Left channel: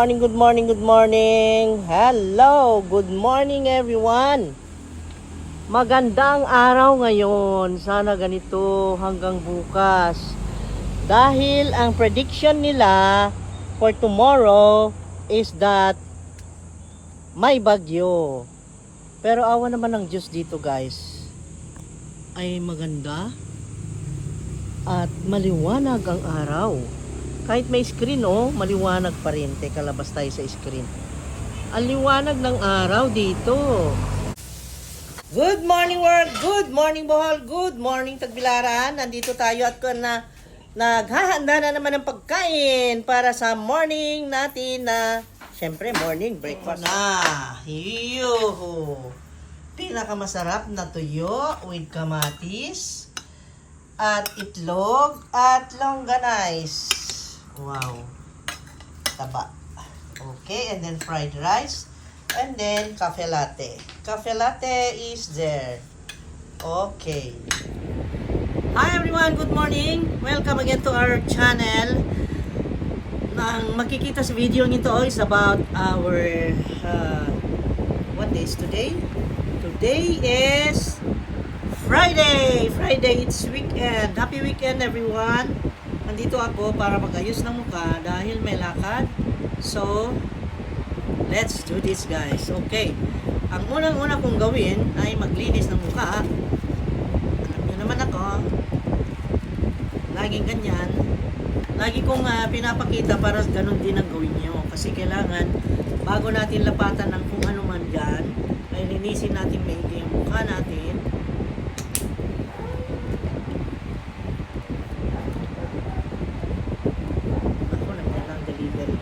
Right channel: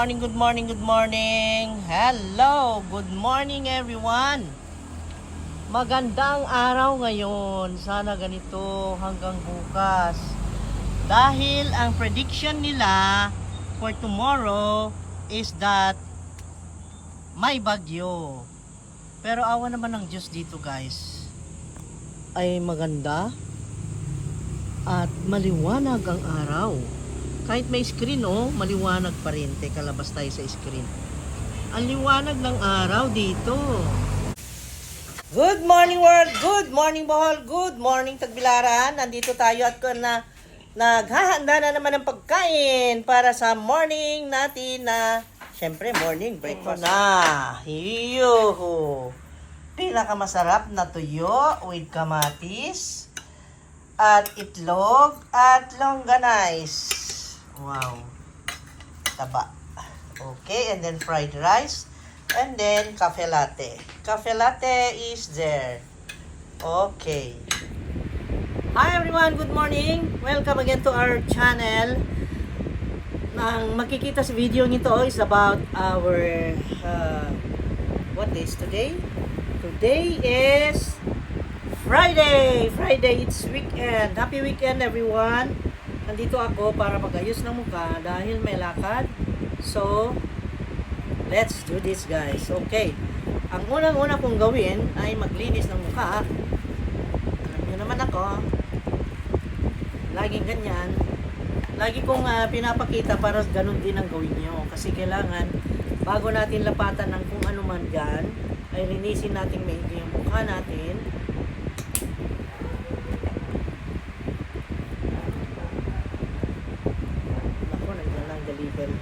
morning, good morning, good morning. Hello, good morning everyone. Magandang araw ngayon. Sana ganito hanggang bukas. Dahil ang prediction nila for tomorrow is that may bagyo. Pero awa naman ng Diyos dito guys. Ay maganda at maliwanag ang araw. Kahit may screen maliwanag pa rin. Teka, labas tayo sa screen. Ang liwanag ng araw dito. Good morning world, good morning Bohol, good morning Tagbilaran. Nandito tayo at naghahanda na naman ng pagkain para sa morning natin na, syempre morning breakfast na. Yuhu! Pinakamasarap na tuyo with kamatis at itlog at longganise. Wow. Taba. Okay, and then fried rice. And then cafe latte. Cafe latte is there. Okay. Hi everyone, good morning. Welcome again to our channel. Ang makikita sa video nito is about our what day is today? Today is Friday. Friday, it's weekend. Happy weekend everyone. Nandito ako para mag-ayos ng mukha dahil may lakad. So, let's do this guys. Okay. Ang unang-una kong gawin ay maglinis ng mukha. Alam nyo naman ako. Laging ganyan. Lagi kong pinapakita para ganun din ang gawin nyo. Kasi kailangan, bago natin lapatan ng kung ano man dyan, ay linisin natin maigi ang mukha natin. Delivery.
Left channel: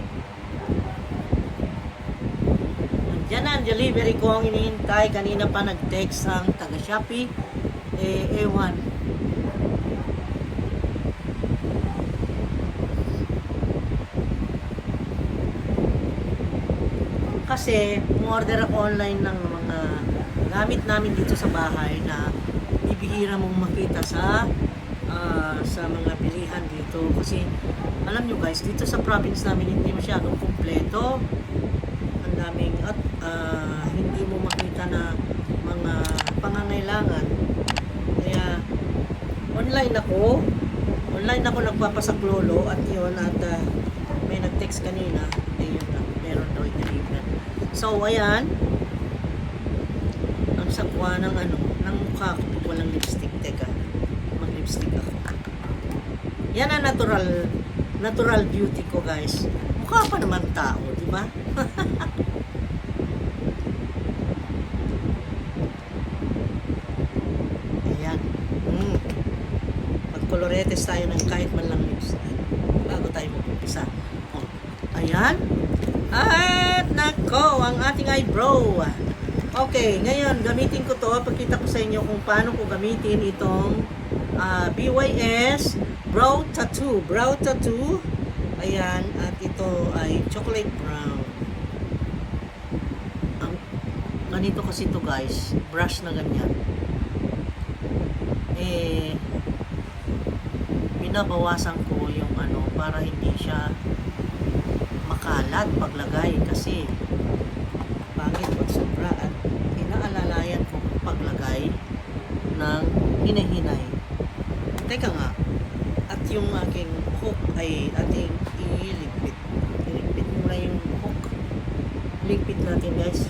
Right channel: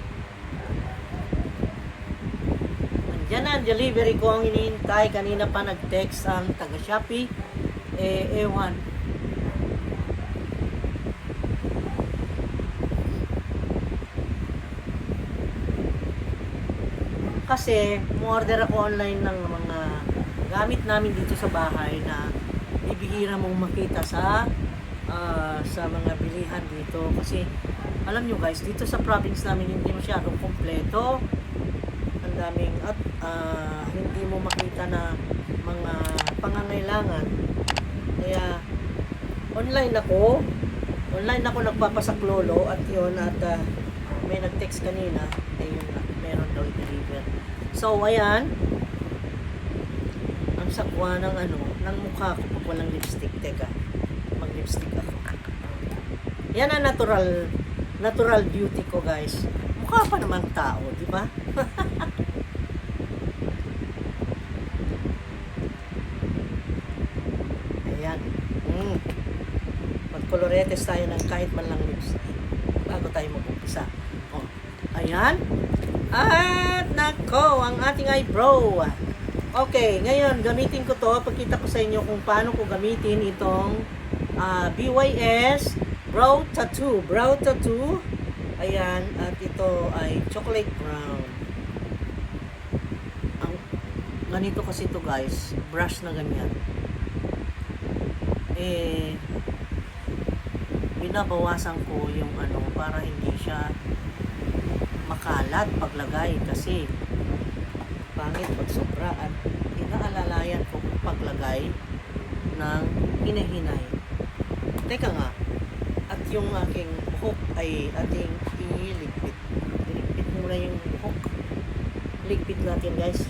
Nandiyan na ang delivery ko ang hinihintay. Kanina pa nag-text ang taga Shopee. Ewan. Kasi, mu-order ako online ng mga gamit namin dito sa bahay na bibihira mong makita sa mga bilihan dito. Kasi alam nyo guys, dito sa province namin hindi masyadong kumpleto. Ang daming at hindi mo makita na mga pangangailangan. Kaya online ako nagpapasaklolo at yun at may nag-text kanina, ayun na, meron daw i-deliver. So ayan, ang sakwa ng ng mukha ko pag walang lipstick. Teka, mag-lipstick ako. Yan ang natural beauty ko guys. Mukha pa naman tao, di ba? Ayan. Magkoloretes tayo ng kahit man lang lips bago tayo mag-umpisa. Oh. Ayan. At nako, ang ating eyebrow. Okay, ngayon gamitin ko to. Pagkita ko sa inyo kung paano ko gamitin itong BYS Brow Tattoo. Brow Tattoo. Ayan. At ito ay chocolate brown. Ganito kasi to guys. Brush na ganyan. Binabawasan ko yung para hindi siya makalat paglagay. Kasi pangit pag sobra. At inaalalayan ko kung paglagay ng hinahinay. Teka nga. At yung aking hook ay ating iligpit. Iligpit muna yung hook. Ligpit natin guys.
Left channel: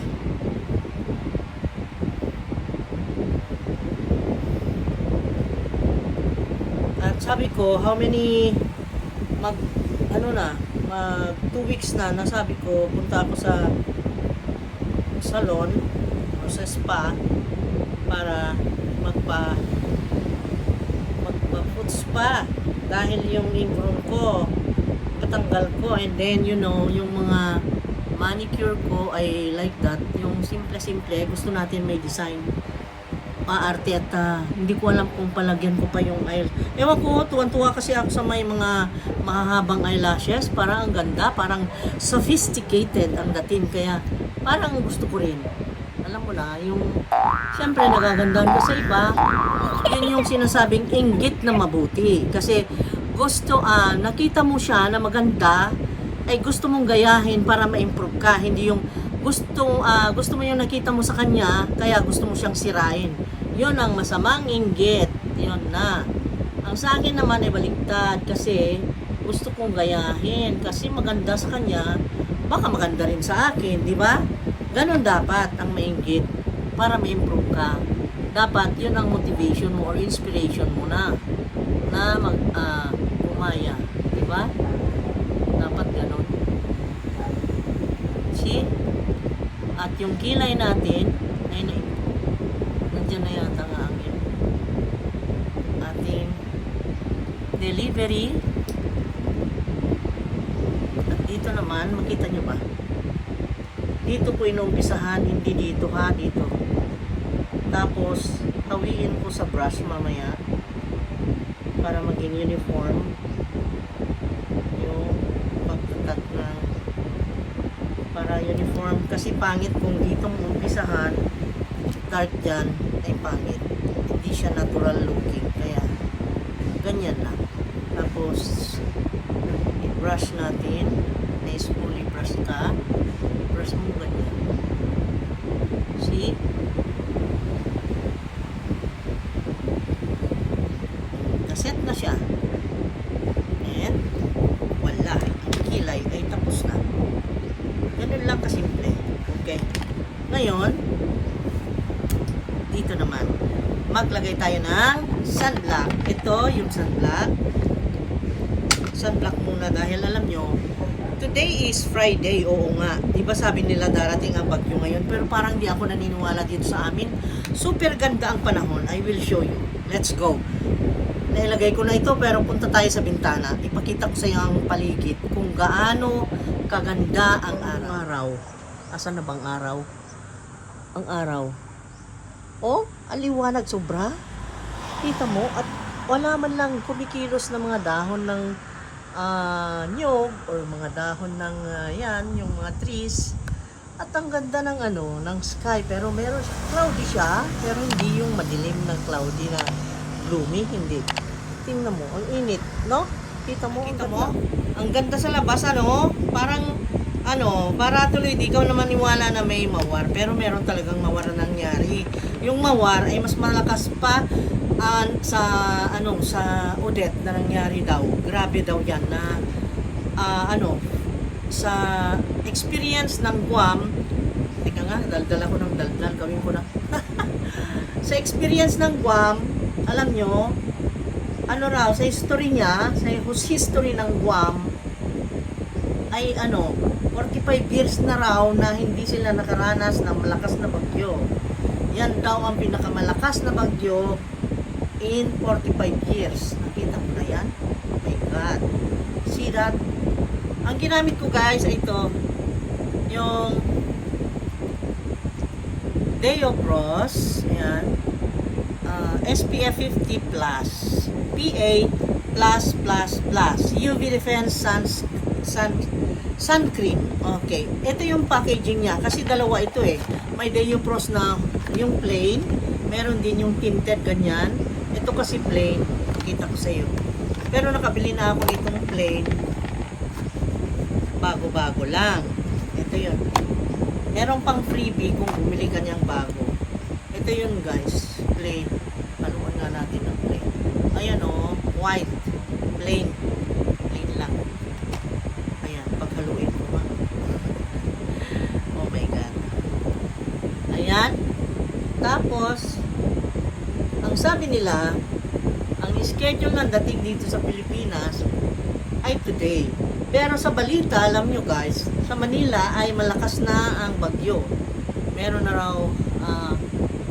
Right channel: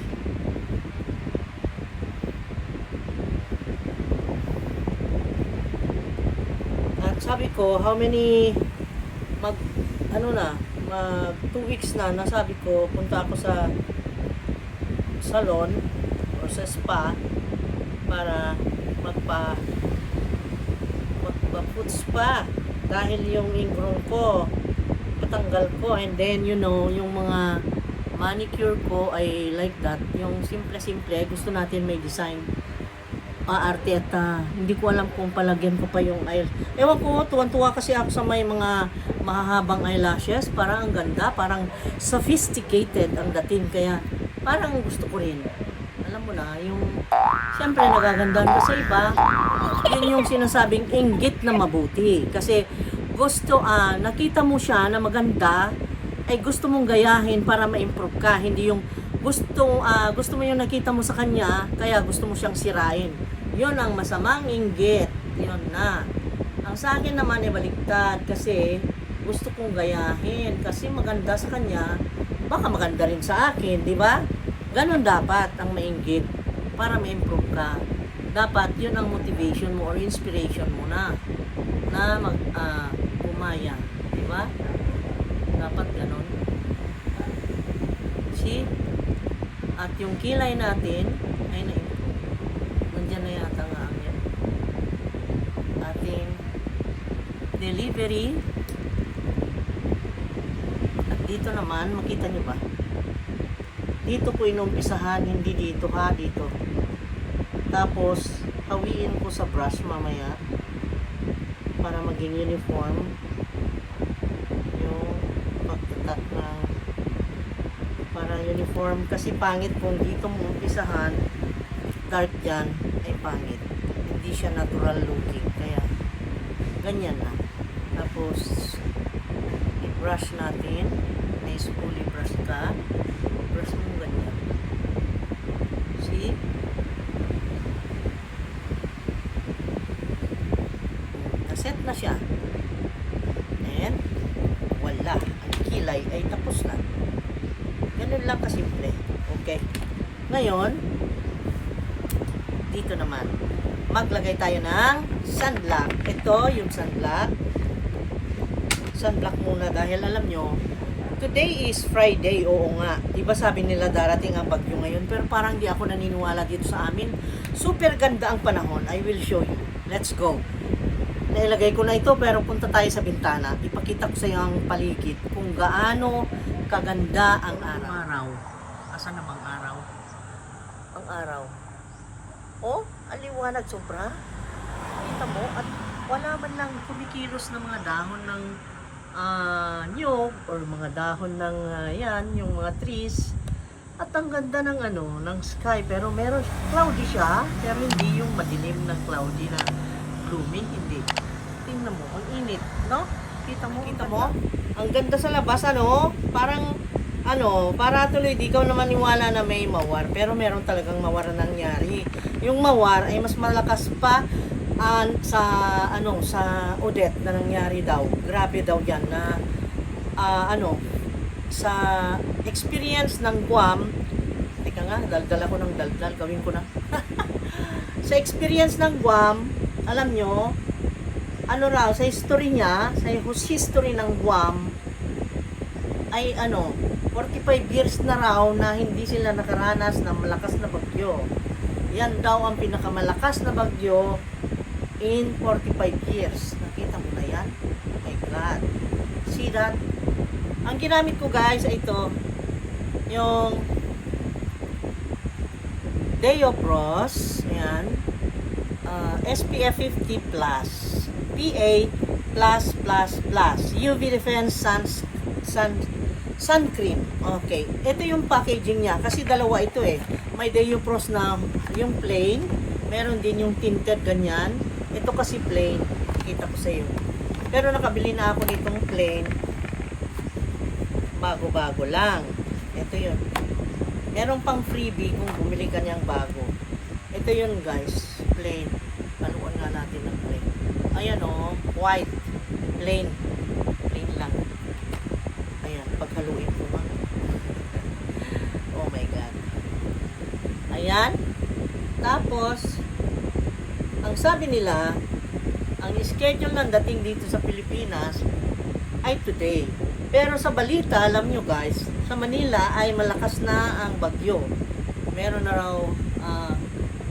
At sabi ko, how many mag 2 weeks na nasabi ko, punta ako sa salon or sa spa para magpa foot spa. Dahil yung ingrown ko patanggal ko, and then yung mga manicure ko ay like that, yung simple gusto natin may design, arte at hindi ko alam kung palagyan ko pa yung ewan ko, tuwan-tuwa kasi ako sa may mga mahahabang eyelashes, parang ang ganda, parang sophisticated ang dating, kaya parang gusto ko rin. Alam mo na, yung siyempre nagagandahan ka sa iba, yun yung sinasabing inggit na mabuti. Kasi gusto, nakita mo siya na maganda, ay gusto mong gayahin para ma-improve ka, hindi yung gusto mo yung nakita mo sa kanya, kaya gusto mo siyang sirain. Yun ang masamang inggit. Yun na. Ang sa akin naman ay baliktad kasi gusto kong gayahin kasi maganda sa kanya, baka maganda rin sa akin, di ba? Ganon dapat ang mainggit para ma-improve ka. Dapat yun ang motivation mo or inspiration mo na umaya, di ba? Dapat ganon. See? At yung kilay natin ay na-improve. Nandiyan na yata nga ang ating delivery. At dito naman, makita nyo ba? Dito ko inumpisahan, hindi dito ha, dito. Tapos, hawiin ko sa brush mamaya para maging uniform yung pagtatak ng para uniform. Kasi pangit kung dito mo umpisahan, dark dyan, ay pangit. Hindi siya natural looking. Kaya, ganyan lang. Tapos, i-brush natin. Nice fully brush ka. Brush mo ganyan. See? Naset na siya. And, wala. Ang kilay ay tapos na. Ganun lang kasimple. Okay. Ngayon, dito naman, maglagay tayo ng sunblock. Ito yung sunblock. Sunblock muna dahil alam nyo, today is Friday. Oo nga. Diba sabi nila darating ang bagyo ngayon? Pero parang di ako naniniwala dito sa amin. Super ganda ang panahon. I will show you. Let's go. Nailagay ko na ito pero punta tayo sa bintana. Ipakita ko sa iyo ang paligid kung gaano kaganda ang araw. Asan na bang araw? Ang araw. Oh, aliwanag sobra. Kita mo, at wala man lang kumikilos na mga dahon ng nyog or mga dahon ng yan, yung mga trees. At ang ganda ng ng sky, pero meron cloudy siya, pero hindi yung madilim ng cloudy na gloomy, hindi. Tingnan mo, ang init, no? Kita mo? Ang ganda sa labas, parang para tuloy di ikaw naman niwala na may mawar, pero meron talagang mawar na nangyari. Yung mawar ay mas malakas pa sa Odette na nangyari daw. Grabe daw yan na sa experience ng Guam. Teka nga, daldal ako ng daldal, gawin ko na. Sa experience ng Guam, alam nyo, sa history niya, sa history ng Guam, ay 45 years na raw na hindi sila nakaranas ng malakas na bagyo. Yan daw ang pinakamalakas na bagyo in 45 years. Nakita mo na yan? Oh my God. See that? Ang ginamit ko guys ay ito. Yung Deopros. Ayan. SPF 50+. PA+++. UV Defense Suncream. Okay. Ito yung packaging niya. Kasi dalawa ito eh. May Deopros na yung plain. Meron din yung tinted ganyan. Ito kasi plain. Kita ko sa iyo. Pero nakabili na ako nitong plain. Bago-bago lang. Ito yun. Meron pang freebie kung bumili ka niyang bago. Ito yun guys. Plain. Haluan nga natin ng plain. Ayan white. Plain. Plain lang. Ayan. Paghaluin ko ma. Oh my God. Ayan. Tapos, ang sabi nila, ang schedule ng dating dito sa Pilipinas ay today. Pero sa balita, alam nyo guys, sa Manila ay malakas na ang bagyo. Meron na raw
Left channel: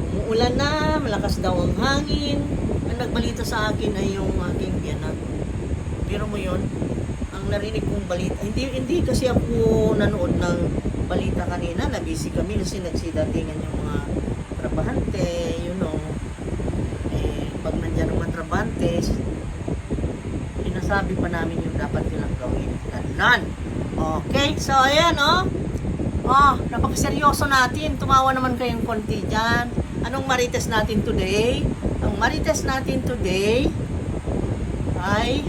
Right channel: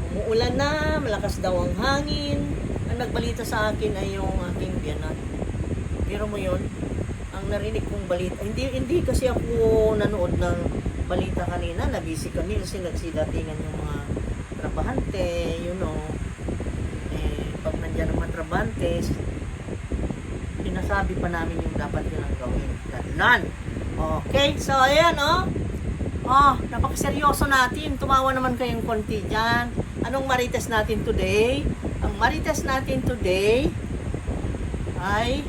umuulan na, malakas daw ang hangin. Ang nagbalita sa akin ay yung aking biyanan. Pero mo yun, ang narinig kong balita, hindi kasi ako nanood ng balita kanina, na busy kami kasi nagsidatingan yung mga trabahante, pag nandiyan ang mga trabahante, sinasabi pa namin yung dapat nilang gawin. Ganon. Okay, so ayan napakaseryoso natin. Tumawa naman kayong konti dyan. Anong marites natin today? Ang marites natin today ay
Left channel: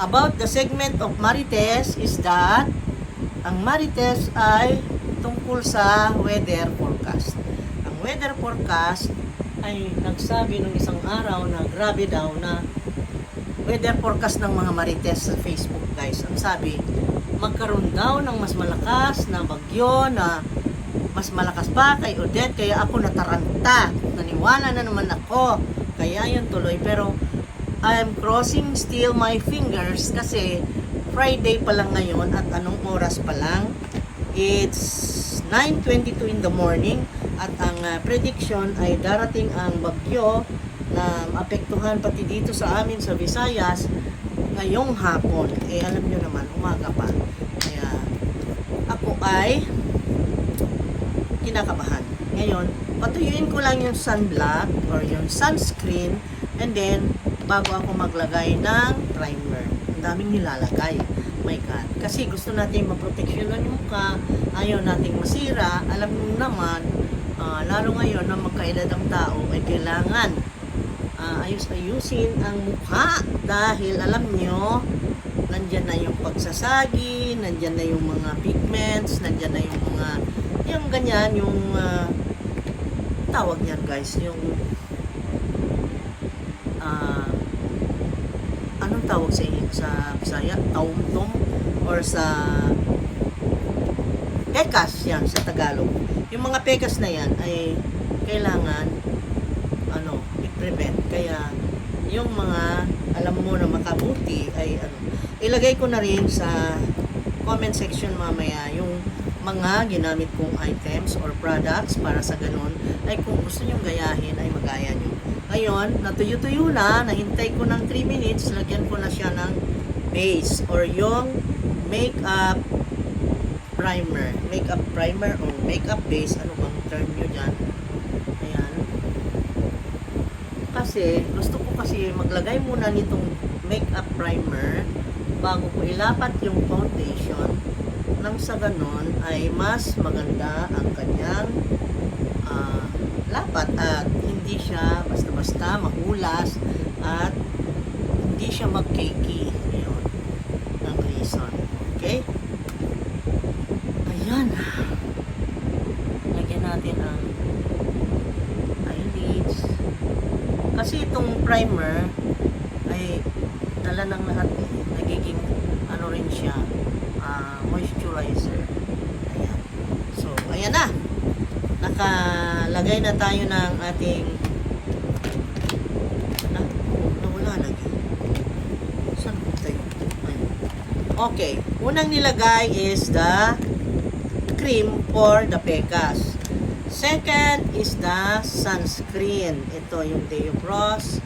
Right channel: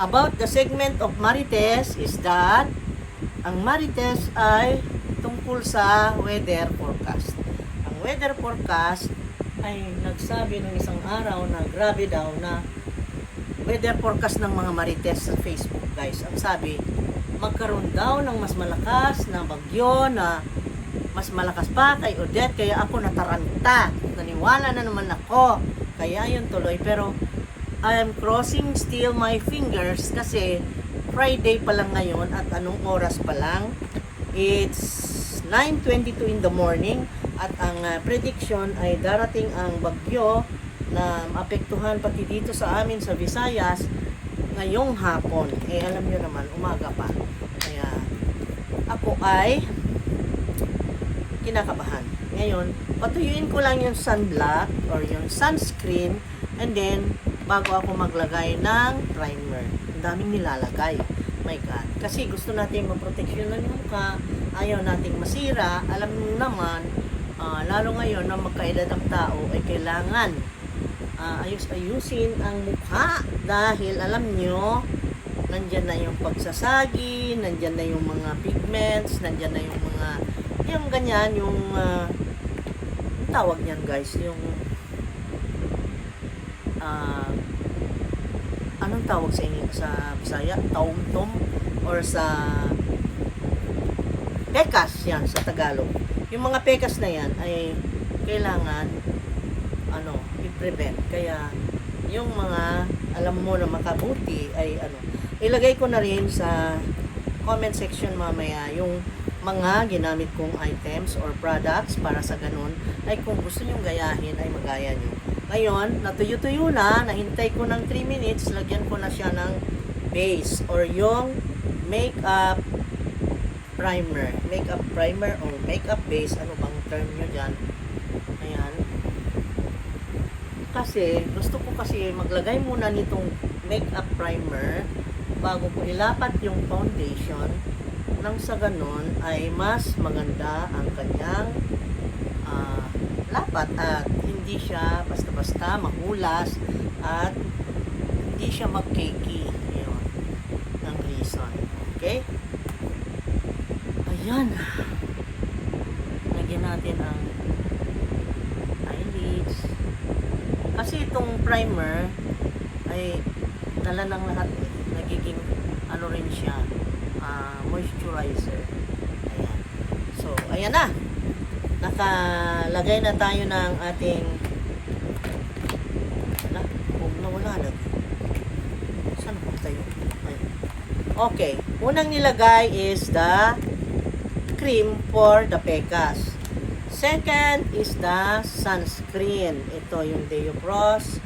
about the segment of Marites is that ang Marites ay tungkol sa weather forecast. Ang weather forecast ay nagsabi nung isang araw na grabe daw na weather forecast ng mga Marites sa Facebook, guys. Ang sabi, magkaroon daw ng mas malakas na bagyo na mas malakas pa kay Odette, kaya ako nataranta. Naniwala na naman ako. Kaya yun tuloy. Pero I am crossing still my fingers kasi Friday pa lang ngayon at anong oras pa lang? It's 9:22 in the morning at ang prediction ay darating ang bagyo na maapektuhan pati dito sa amin sa Visayas ngayong hapon. Eh alam nyo naman, umaga pa. Kaya ako ay kinakabahan. Ngayon, patuyuin ko lang yung sunblock or yung sunscreen and then bago ako maglagay ng primer. Ang daming nilalagay. My God. Kasi gusto natin maproteksyonan yung mukha, ayaw nating masira. Alam mo naman, lalo ngayon na magkaedad ang tao ay kailangan ayusin ang mukha dahil alam nyo, nandyan na yung pagsasagi, nandyan na yung mga pigments, nandyan na yung mga yung ganyan, yung tawag niyan guys, yung anong tawag sa inyo sa Bisaya? Taumtom or sa pekas yan sa Tagalog. Yung mga pekas na yan ay kailangan i-prevent. Kaya yung mga alam mo na makabuti ay ilagay ko na rin sa comment section mamaya yung mga ginamit kong items or products para sa ganun ay kung gusto nyong gayahin ay magaya nyo. Ngayon, natuyo-tuyo na, nahintay ko ng 3 minutes, lagyan ko na siya ng base or yung makeup primer. Makeup primer or makeup base, ano bang term nyo dyan? Ayan. Kasi, gusto ko kasi maglagay muna nitong makeup primer bago ko ilapat yung foundation nang sa ganun ay mas maganda ang kanyang lapat at hindi siya basta-basta mahulas at hindi siya mag-cakey. Yun ang reason. Okay? Ayan. Lagyan natin ang eyelids. Kasi itong primer ay dala ng lahat eh. Nagiging rin siya moisturizer. Ayan. So, ayan na. Nakalagay na tayo ng ating huwag na wala lagi. Saan punta yun? Ayan. Okay. Unang nilagay is the cream for the pekas. Second is the sunscreen. Ito yung Deoprost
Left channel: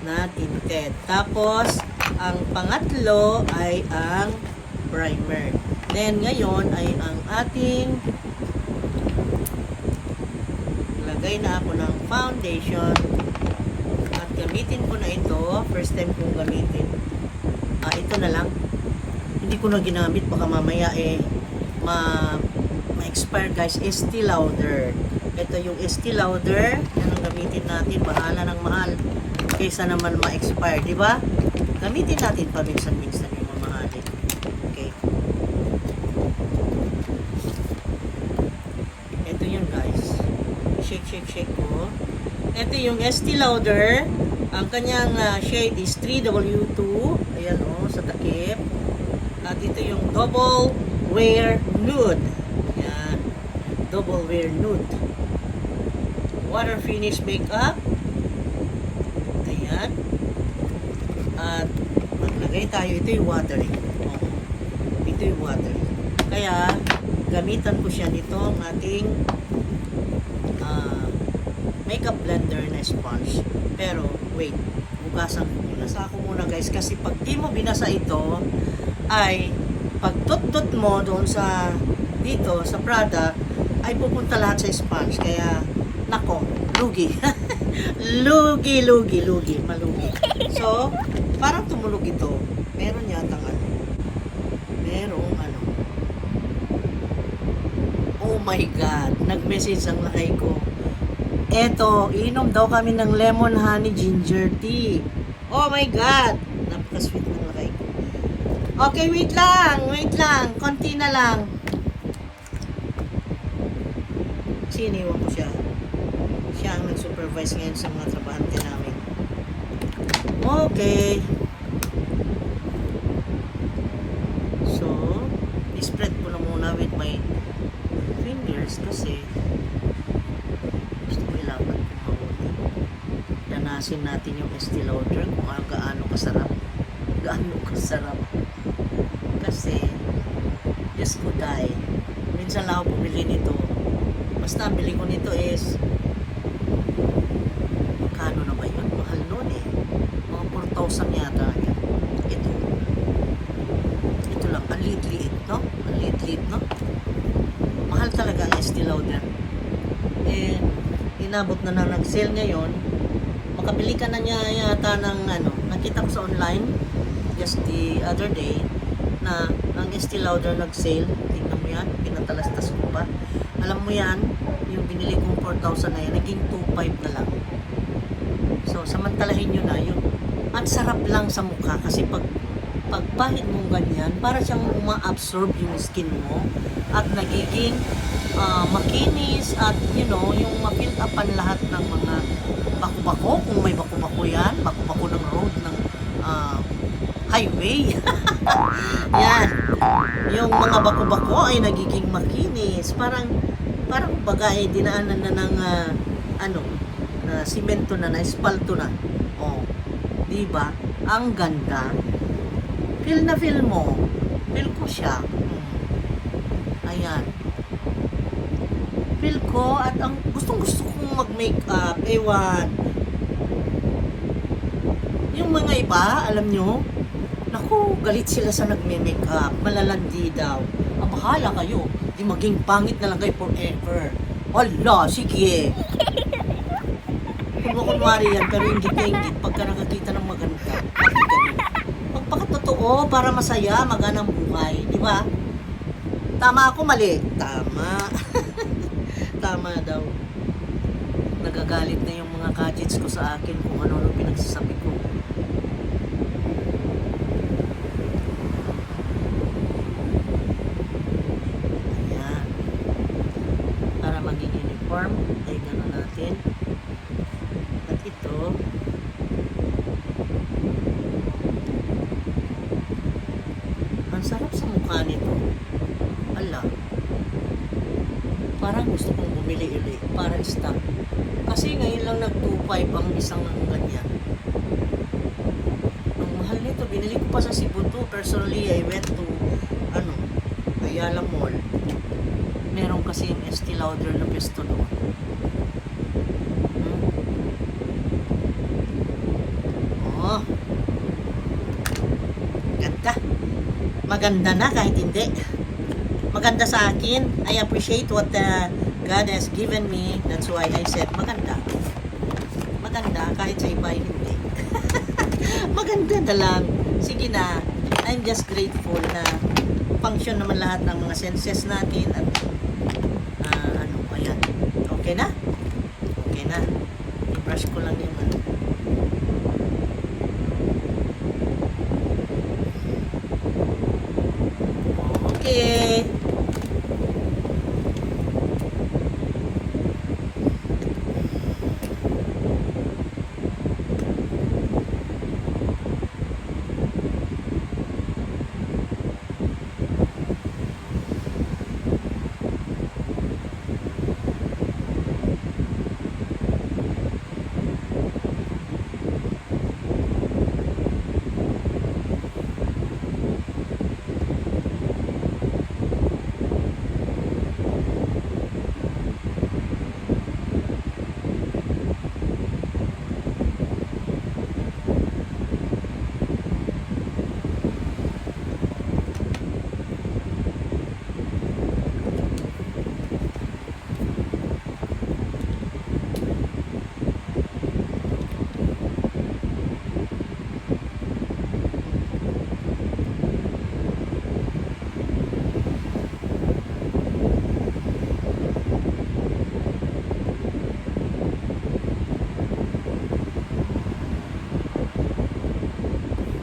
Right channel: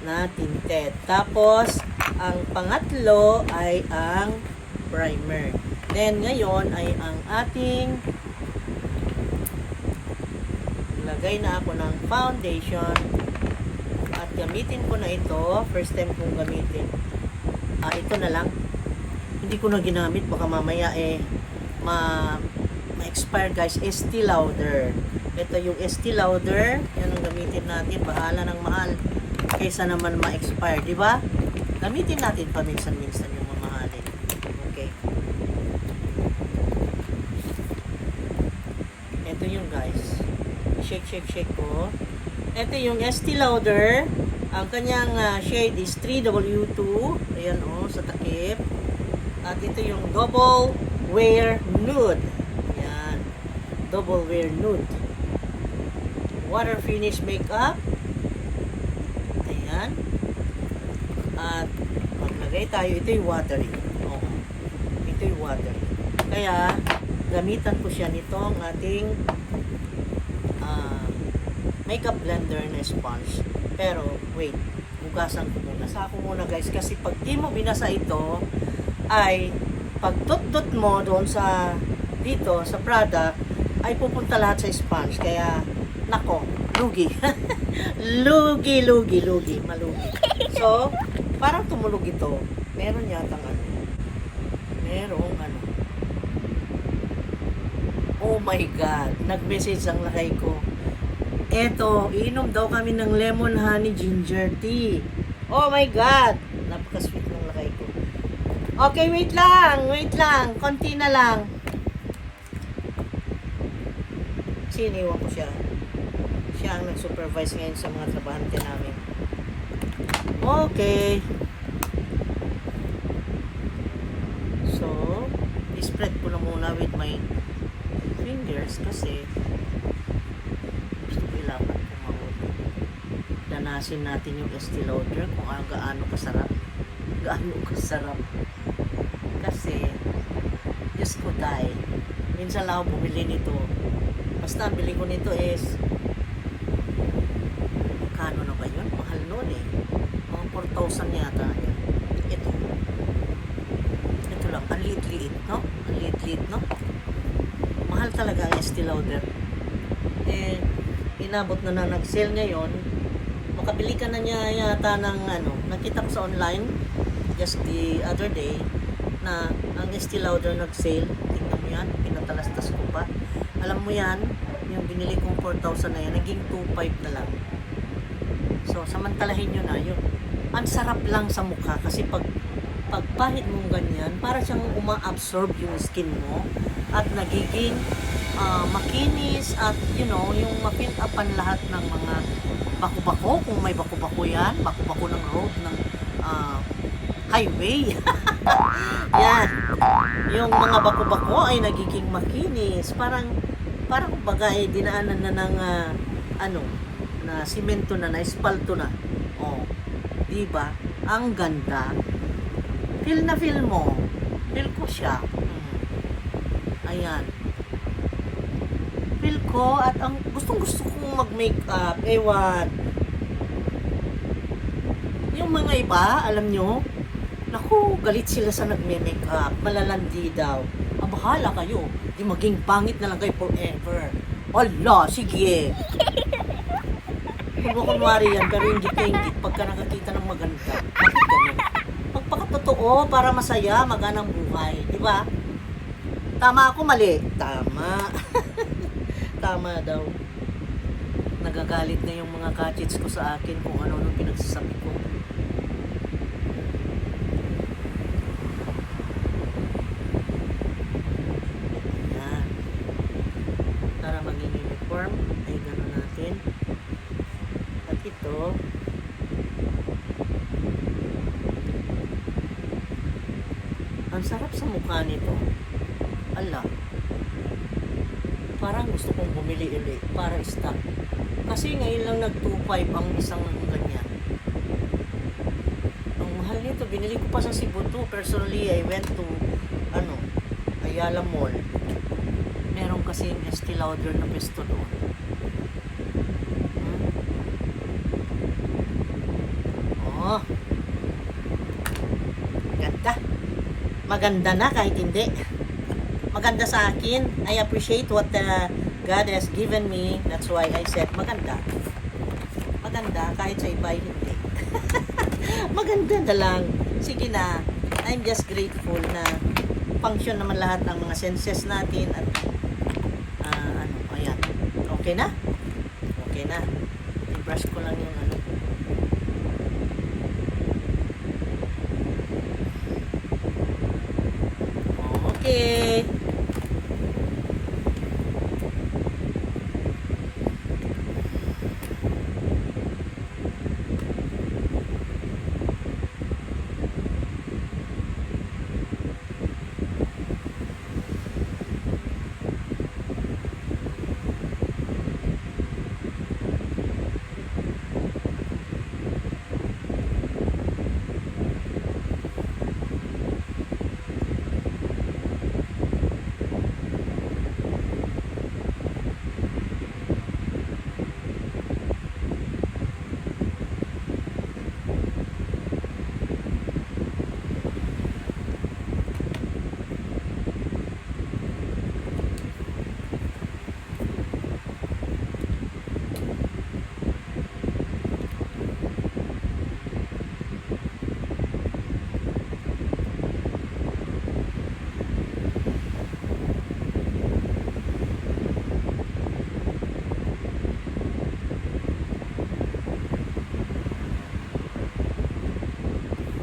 na tinted. Tapos, ang pangatlo ay ang primer. Then, ngayon ay ang ating lagay na ako ng foundation at gamitin ko na ito. First time kong gamitin. Ito na lang. Hindi ko na ginamit. Baka mamaya ma-expire guys. Estee Lauder. Ito yung Estee Lauder. Yan ang gamitin natin. Bahala ng mahal. Kaysa naman ma-expire. Diba? Gamitin natin paminsan-minsan yung mamahalin. Okay. Ito yun guys. Shake ko. Ito yung Estee Lauder. Ang kanyang shade is 3W2. Ayan sa takip. At ito yung Double Wear Nude. Ayan. Double Wear Nude. Water Finish Makeup. Ayan. At maglagay tayo. Ito yung watery. Ito yung watery. Kaya, gamitan ko siya nitong ating makeup blender na sponge. Pero, wait. Hugasan ko muna. Sa ako muna guys. Kasi pag di mo binasa ito, ay pag dot-dot mo doon sa dito, sa product, ay pupunta lahat sa sponge. Kaya, nako, lugi. lugi. Malugi. So, parang tumulog ito. Meron yatang merong oh my God, nag-message ang lakay ko. Eto, inom daw kami ng lemon honey ginger tea. Oh my God, napaka-sweet ng lakay ko. Okay, wait lang. Wait lang. Konti na lang. Siniwan ko siya. Siya ang nag-supervise ngayon sa mga trabahante namin. Okay. So, spread ko na muna with my fingers kasi gusto ko ilapat ng mabuti. Danasin natin yung Estee Lauder kung gaano kasarap. Gaano kasarap. Kasi, Diyos ko dahil, minsan lang ako bumili nito. Basta ang bili ko nito is, magkano na ba yun? Mahal nun eh. Mga 4,000 yata yan. Ito lang, ang liit-liit, no? Ang liit-liit, no? Mahal talaga ang Estee Lauder. Eh, inabot na nag-sale ngayon. Makabili ka na niya yata ng nakita ko sa online just the other day na ang Estee Lauder nag-sale. Tingnan mo yan, pinatalastas ko pa. Alam mo yan, yung binili kong 4,000 na yan, naging 2,500 na lang. So, samantalahin nyo na yung ang sarap lang sa mukha kasi pagpahid mo ganyan, para siyang uma-absorb yung skin mo at nagiging makinis at yung ma-fill upan lahat ng mga bako-bako, kung may bako-bako yan, bako-bako ng road ng highway. Yan. Yung mga bako-bako ay nagiging makinis. Parang kumbaga dinaanan na ng na simento na espalto na. Oh, 'di ba? Ang ganda. Feel na feel mo. Feel ko siya. Ayan. Feel ko at ang gustong-gusto kong mag-makeup. Ewan. Yung mga iba, alam nyo, naku, galit sila sa nagme-makeup. Malalandi daw. Bahala kayo. Di maging pangit na lang kayo forever. Hala, sige. Kung kunwari yan, pero inggit na inggit. Pagka nakakita ng maganda, bakit ganun? Pagpakatotoo, para masaya, maganang buhay. Di ba? Tama ako, mali. Tama. Tama daw. Nagagalit na yung mga kachits ko sa akin kung ano pinagsasabi ko. Ayan. Para maging uniform, ay gano'n natin. At ito, ang sarap sa mukha nito. Ala. Parang gusto kong bumili ulit para stock. Kasi ngayon lang nag-2.5 ang isang ng ganyan. Ang mahal nito, binili ko pa sa Cebu 2. Personally, I went to Ayala Mall. Meron kasi yung Estee Lauder na pesto doon. Oh. Ganda. Maganda na kahit hindi. Maganda sa akin. I appreciate what God has given me. That's why I said maganda. Maganda kahit sa iba hindi. Maganda na lang. Sige na. I'm just grateful na function naman lahat ng mga senses natin at ayan. Okay na? Okay na. I-brush ko lang yung Okay.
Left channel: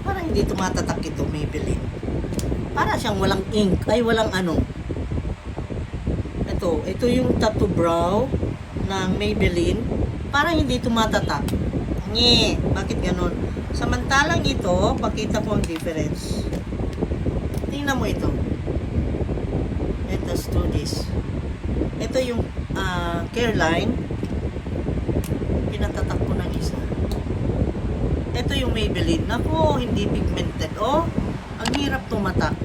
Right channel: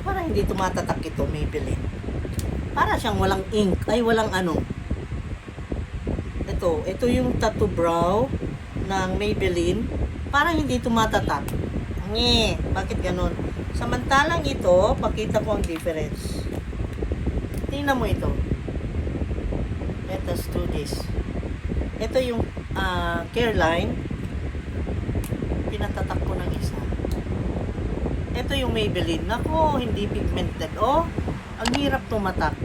Parang hindi tumatatak ito, Maybelline. Para siyang walang ink, ay walang ano. Ito yung tattoo brow ng Maybelline. Parang hindi tumatatak. Nye, bakit ganun? Samantalang ito, pakita ko ang difference. Tingnan mo ito. Let us do this. Ito yung care line. Pinatatak ko ng isa. Ito yung Maybelline. Nako, hindi pigmented. Oh, ang hirap tumatak.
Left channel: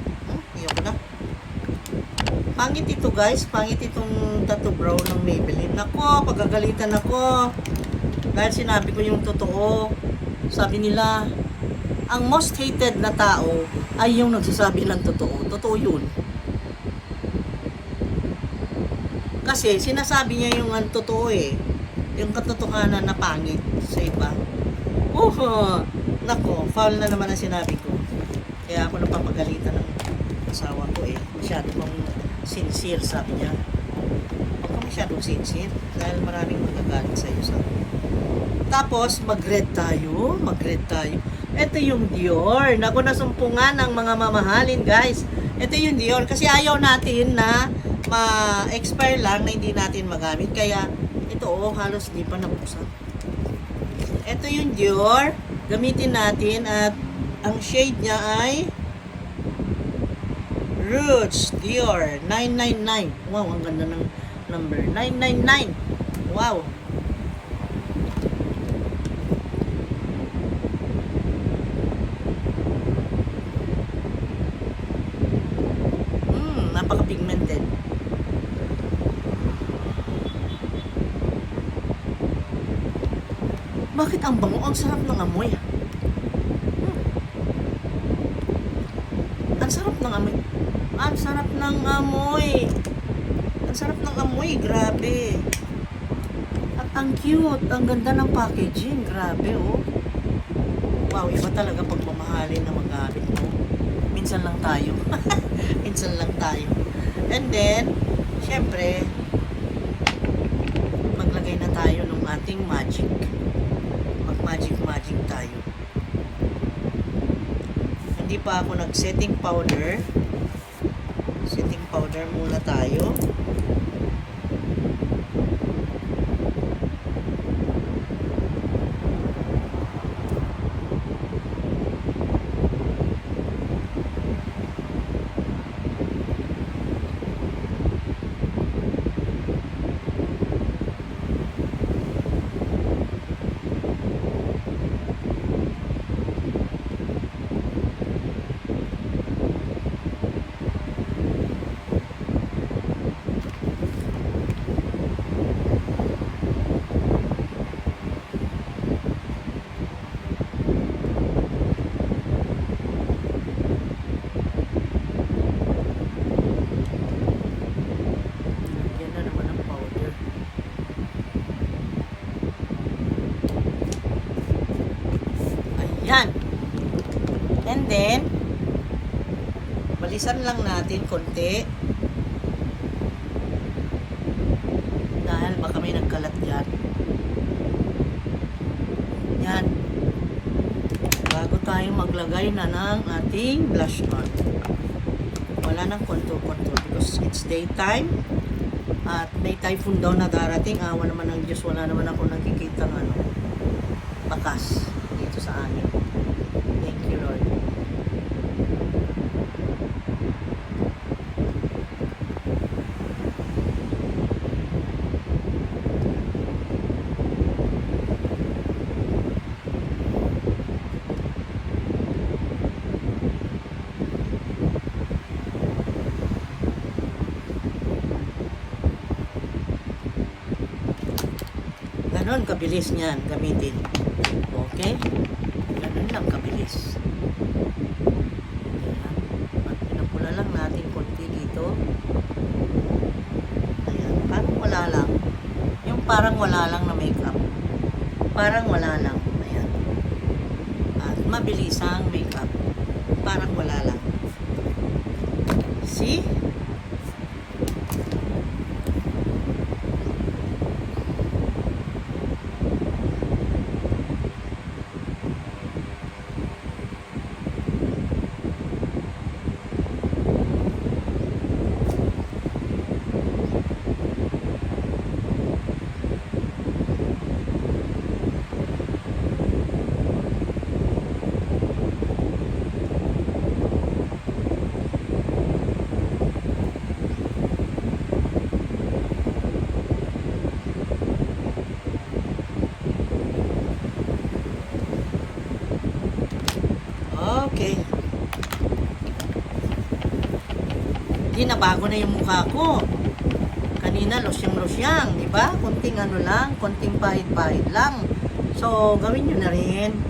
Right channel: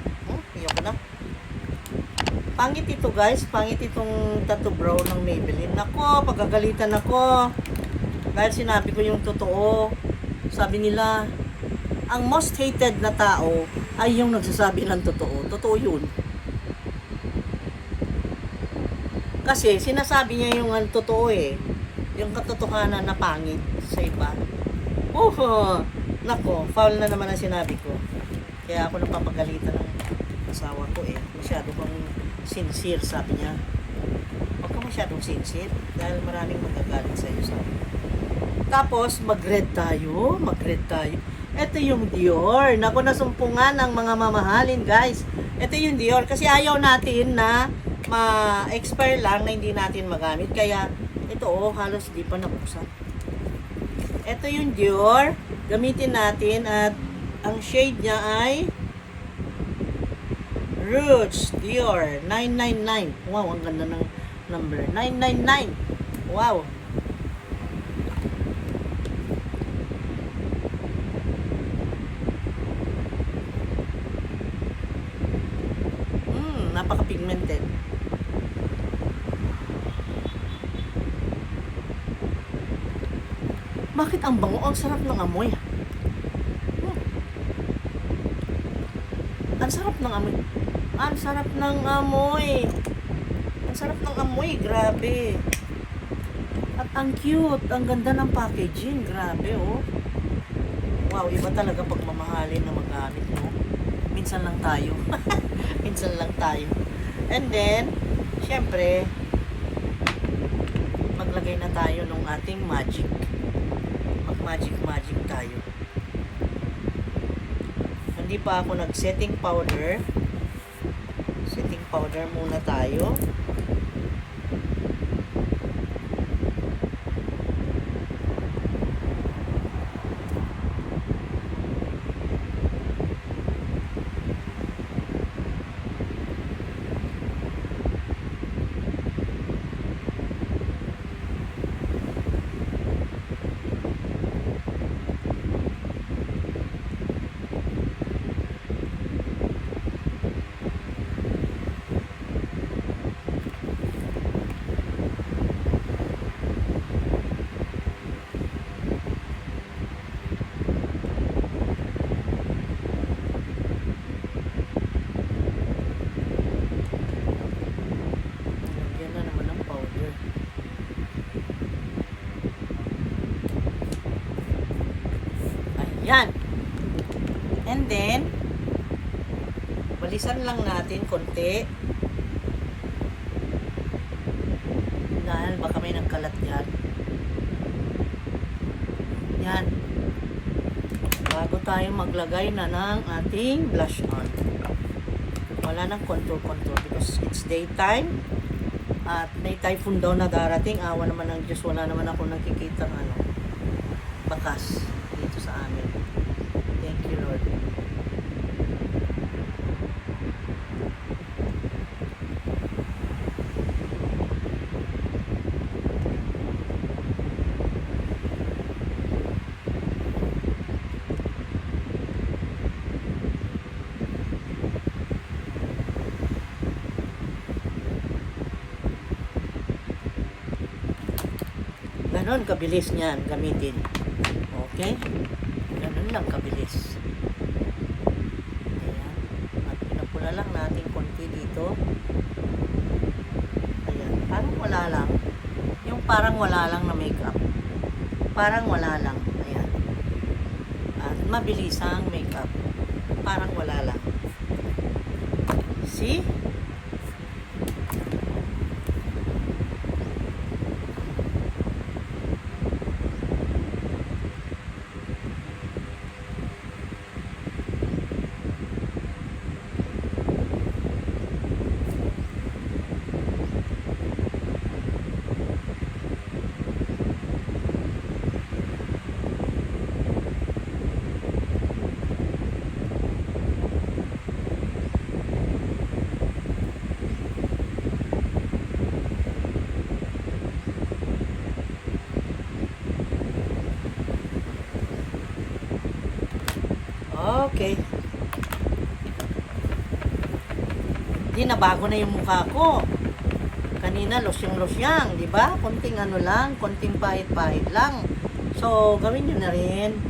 Ayoko na. Pangit ito guys. Pangit itong tattoo brow ng Maybelline. Nako, pagagalitan ako. Dahil sinabi ko yung totoo. Sabi nila, ang most hated na tao ay yung nagsasabi ng totoo. Totoo yun. Kasi sinasabi niya yung totoo eh. Yung katotohanan na pangit sa iba. Nako, foul na naman ang sinabi ko. Kaya ako napapagalitan ng asawa ko eh. Masyado kang sincere, sabi niya. Huwag ka masyadong sincere dahil maraming magagalit sa iyo, sabi niya. Tapos, mag-red tayo. Ito yung Dior. Naku, nasumpungan ng mga mamahalin, guys. Ito yung Dior. Kasi ayaw natin na ma-expire lang na hindi natin magamit. Kaya, ito halos di pa nabuksan. Ito yung Dior. Gamitin natin at ang shade niya ay Rouge Dior 999. Wow, ang ganda ng number. 999. Wow. Napaka-pigmented. Bakit ang bango? Ang sarap ng amoy. Ang sarap ng amoy. Ang sarap ng amoy. Ang sarap ng amoy. Grabe. At ang cute. Ang ganda ng packaging. Grabe, oh. Wow, iba talaga pag mamahalin na magamit, no? Minsan lang tayo. Minsan lang tayo. And then, syempre, maglagay na tayo ng ating magic. Mag-magic tayo. Hindi pa ako nag-setting powder. Setting powder muna tayo. Yan. And then, balisan lang natin konti. Dahil baka may nagkalat yan. Yan. Bago tayo maglagay na ng ating blush on. Wala nang contour because it's daytime. At may typhoon daw na darating. Awa naman ng Diyos. Wala naman ako nakikita bakas dito sa amin. Thank you, Lord. Ganon kabilis niyan gamitin. Okay? Ganon lang kabilis. Ayan. At pinapula lang natin konti dito. Ayan. Parang wala lang. Yung parang wala lang na makeup. Parang wala lang. Ayan. At mabilis ang makeup. Parang wala lang. See? Okay. Di nabago na yung mukha ko. Kanina losyang-losyang, di ba? Konting ano lang, konting pahit-pahit lang. So, gawin nyo na rin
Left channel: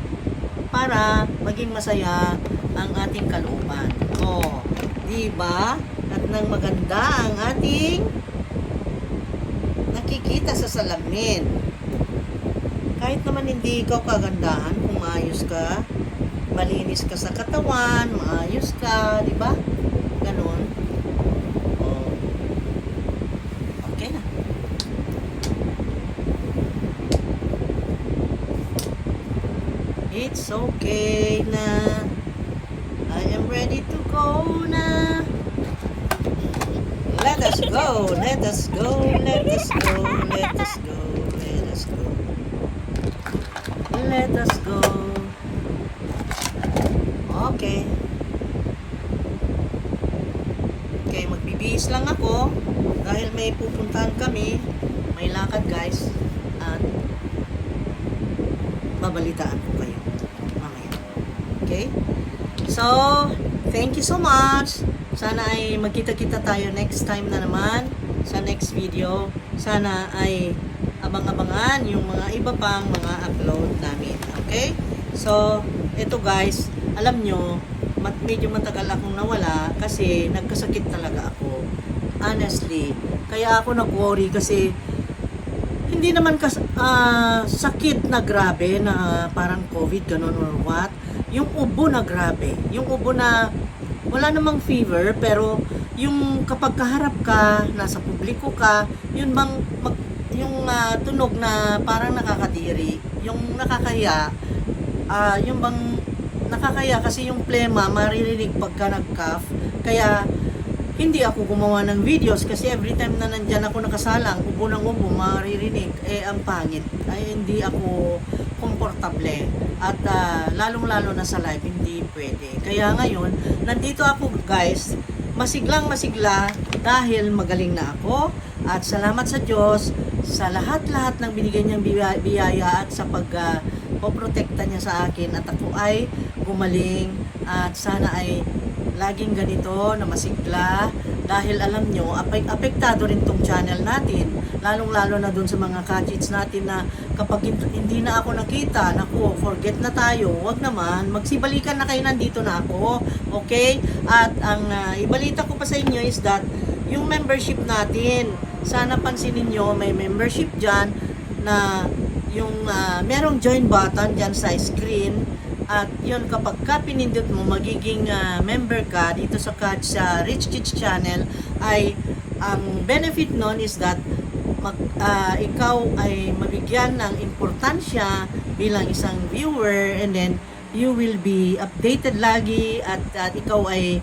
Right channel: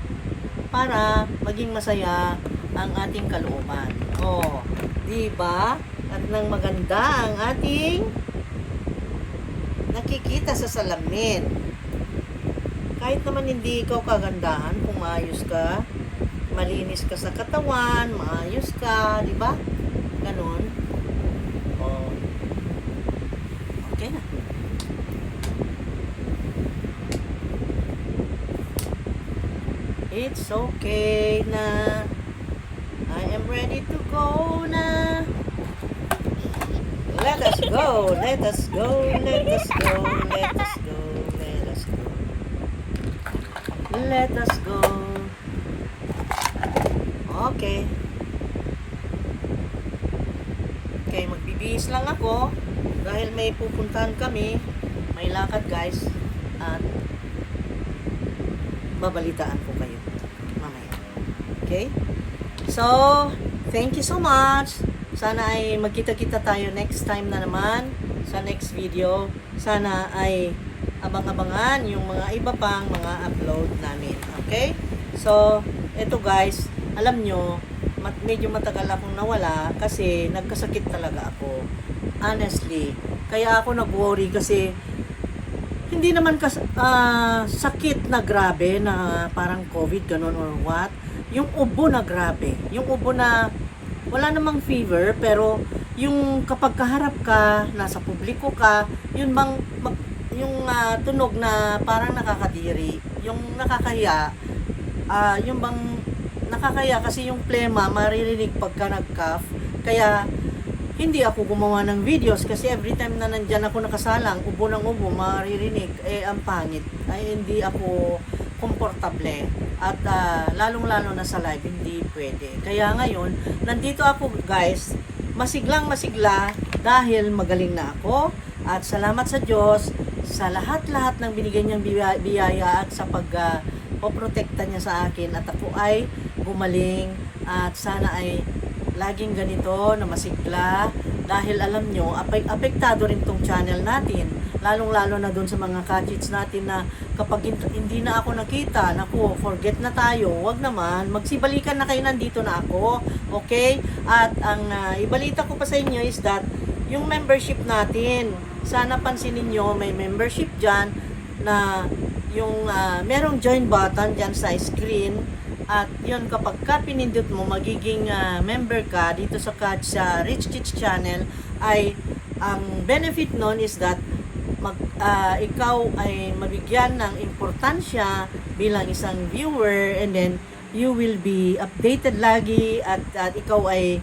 para maging masaya ang ating kalooban. Oh, di ba? At nang maganda ang ating nakikita sa salamin. Kahit naman hindi ikaw kagandahan, kung maayos ka, malinis ka sa katawan, maayos ka, di ba? Ganon. Oh. Okay na. It's okay na. I am ready to go na. Let us go, let us go, let us go, let us go, let us go. Let us go. Okay. Okay, magbibihis lang ako dahil may pupuntahan kami. May lakad guys. At babalitaan ko kayo mamaya. Okay? So, thank you so much. Sana ay magkita-kita tayo next time na naman sa next video. Sana ay abang-abangan yung mga iba pang mga upload namin. Okay? So, eto guys, alam nyo, medyo matagal akong nawala kasi nagkasakit talaga ako. Honestly. Kaya ako nag-worry kasi hindi naman sakit na grabe na parang COVID, ganun or what. Yung ubo na grabe. Yung ubo na wala namang fever, pero yung kapag kaharap ka, nasa publiko ka, yun bang yung tunog na parang nakakadiri, yung nakakahiya, yung bang nakakahiya kasi yung plema maririnig pagka nag-cough. Kaya hindi ako gumawa ng videos kasi every time na nandyan ako nakasalang, ubo ng ubo, maririnig, ang pangit. Ay, hindi ako komportable. At lalong-lalo na sa live, hindi pwede. Kaya ngayon, nandito ako guys, masiglang masigla dahil magaling na ako. At salamat sa Diyos sa lahat-lahat ng binigay niyang biyaya at sa poprotekta niya sa akin. At ako ay gumaling at sana ay laging ganito na masigla dahil alam nyo, apektado rin tong channel natin, lalong-lalo na dun sa mga kachits natin na kapag hindi na ako nakita, naku, forget na tayo, wag naman, magsibalikan na kayo, nandito na ako, okay? At ang ibalita ko pa sa inyo is that yung membership natin, sana pansinin nyo, may membership dyan na yung merong join button dyan sa screen. At yun, kapag ka pinindot mo, magiging member ka dito sa Rich Kids Channel, ay ang benefit nun is that ikaw ay mabigyan ng importansya bilang isang viewer, and then you will be updated lagi at ikaw ay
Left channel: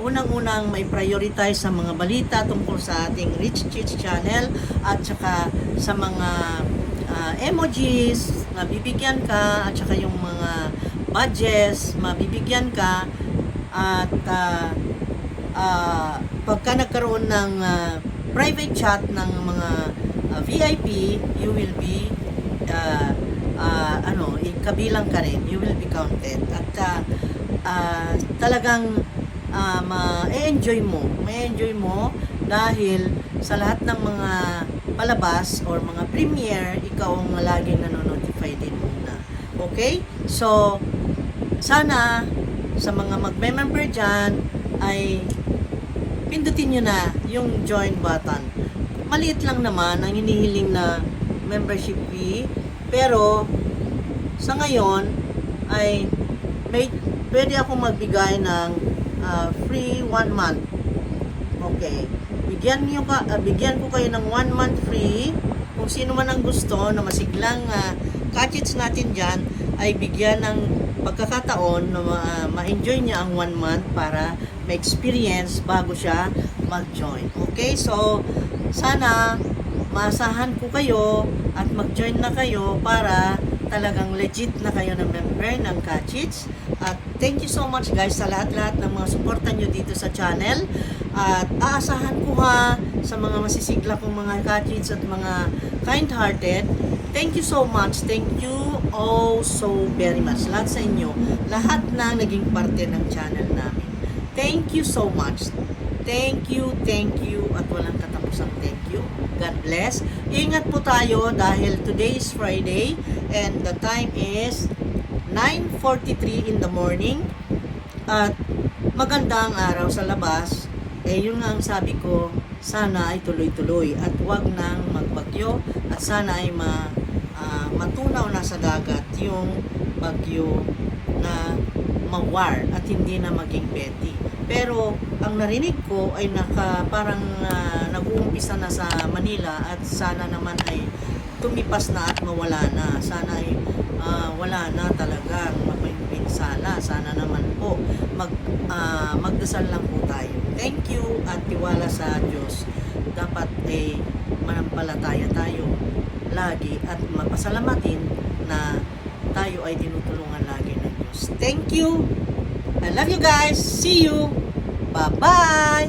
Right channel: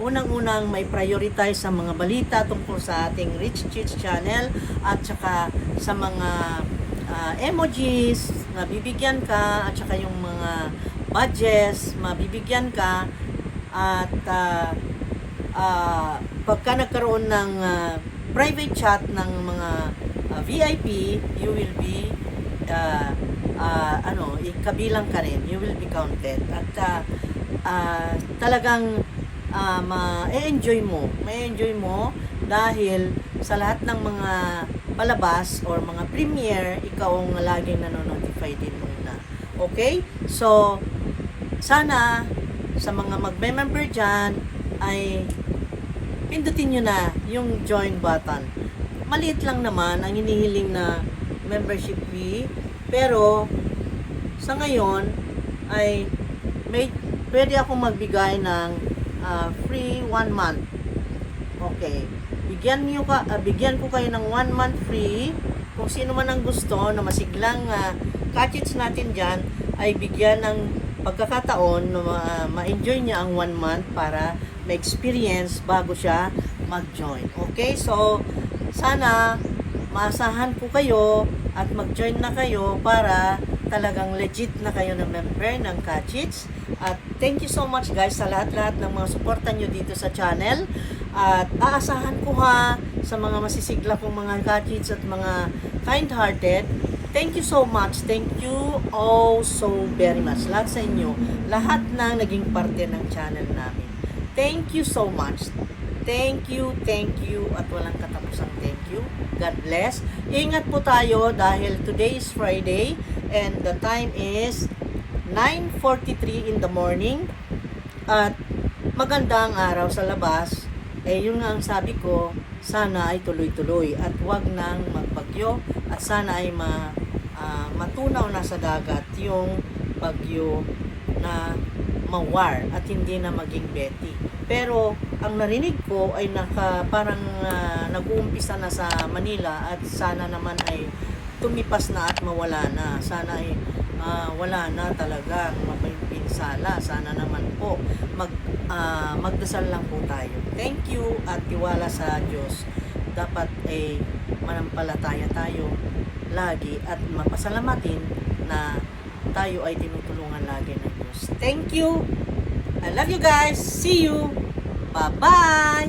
unang-unang may prioritize sa mga balita tungkol sa ating Rich Kids Channel at saka sa mga emojis, mabibigyan ka, at saka yung mga badges, mabibigyan ka, at pagka nagkaroon ng private chat ng mga VIP, you will be kabilang ka rin, you will be counted, at talagang ma-enjoy mo dahil sa lahat ng mga palabas or mga premiere, ikaw ang laging nanonotify din una. Okay? So, sana sa mga magme-member dyan ay pindutin nyo na yung join button. Maliit lang naman ang hinihiling na membership fee, pero sa ngayon ay pwede akong magbigay ng free 1 month. Okay. Bigyan ko kayo ng 1 month free. Kung sino man ang gusto na masiglang kachits natin dyan, ay bigyan ng pagkakataon na ma-enjoy niya ang 1 month para ma-experience bago siya mag-join. Okay? So, sana maasahan ko kayo at mag-join na kayo para talagang legit na kayo na member ng Kachits. At thank you so much guys sa lahat-lahat ng mga suporta nyo dito sa channel. At aasahan ko ha sa mga masisigla kong mga Kachits at mga kind-hearted. Thank you so much. Thank you oh so very much. Lahat sa inyo, lahat ng naging parte ng channel namin. Thank you so much. Thank you, at walang katapusang thank you. God bless. Ingat po tayo dahil today is Friday and the time is 9:43 in the morning at maganda ang araw sa labas. Yun nga ang sabi ko, sana ay tuloy-tuloy at wag nang magbagyo at sana ay matunaw na sa dagat yung bagyo na mawar at hindi na maging petty. Pero ang narinig ko ay parang nag-uumpisa na sa Manila at sana naman ay tumipas na at mawala na. Sana ay wala na talagang mapagpinsala. Sana naman po magdasal lang po tayo. Thank you at tiwala sa Diyos. Dapat ay manampalataya tayo lagi at mapasalamatin na tayo ay tinutulungan lagi ng Diyos. Thank you. I love you guys. See you. Bye-bye.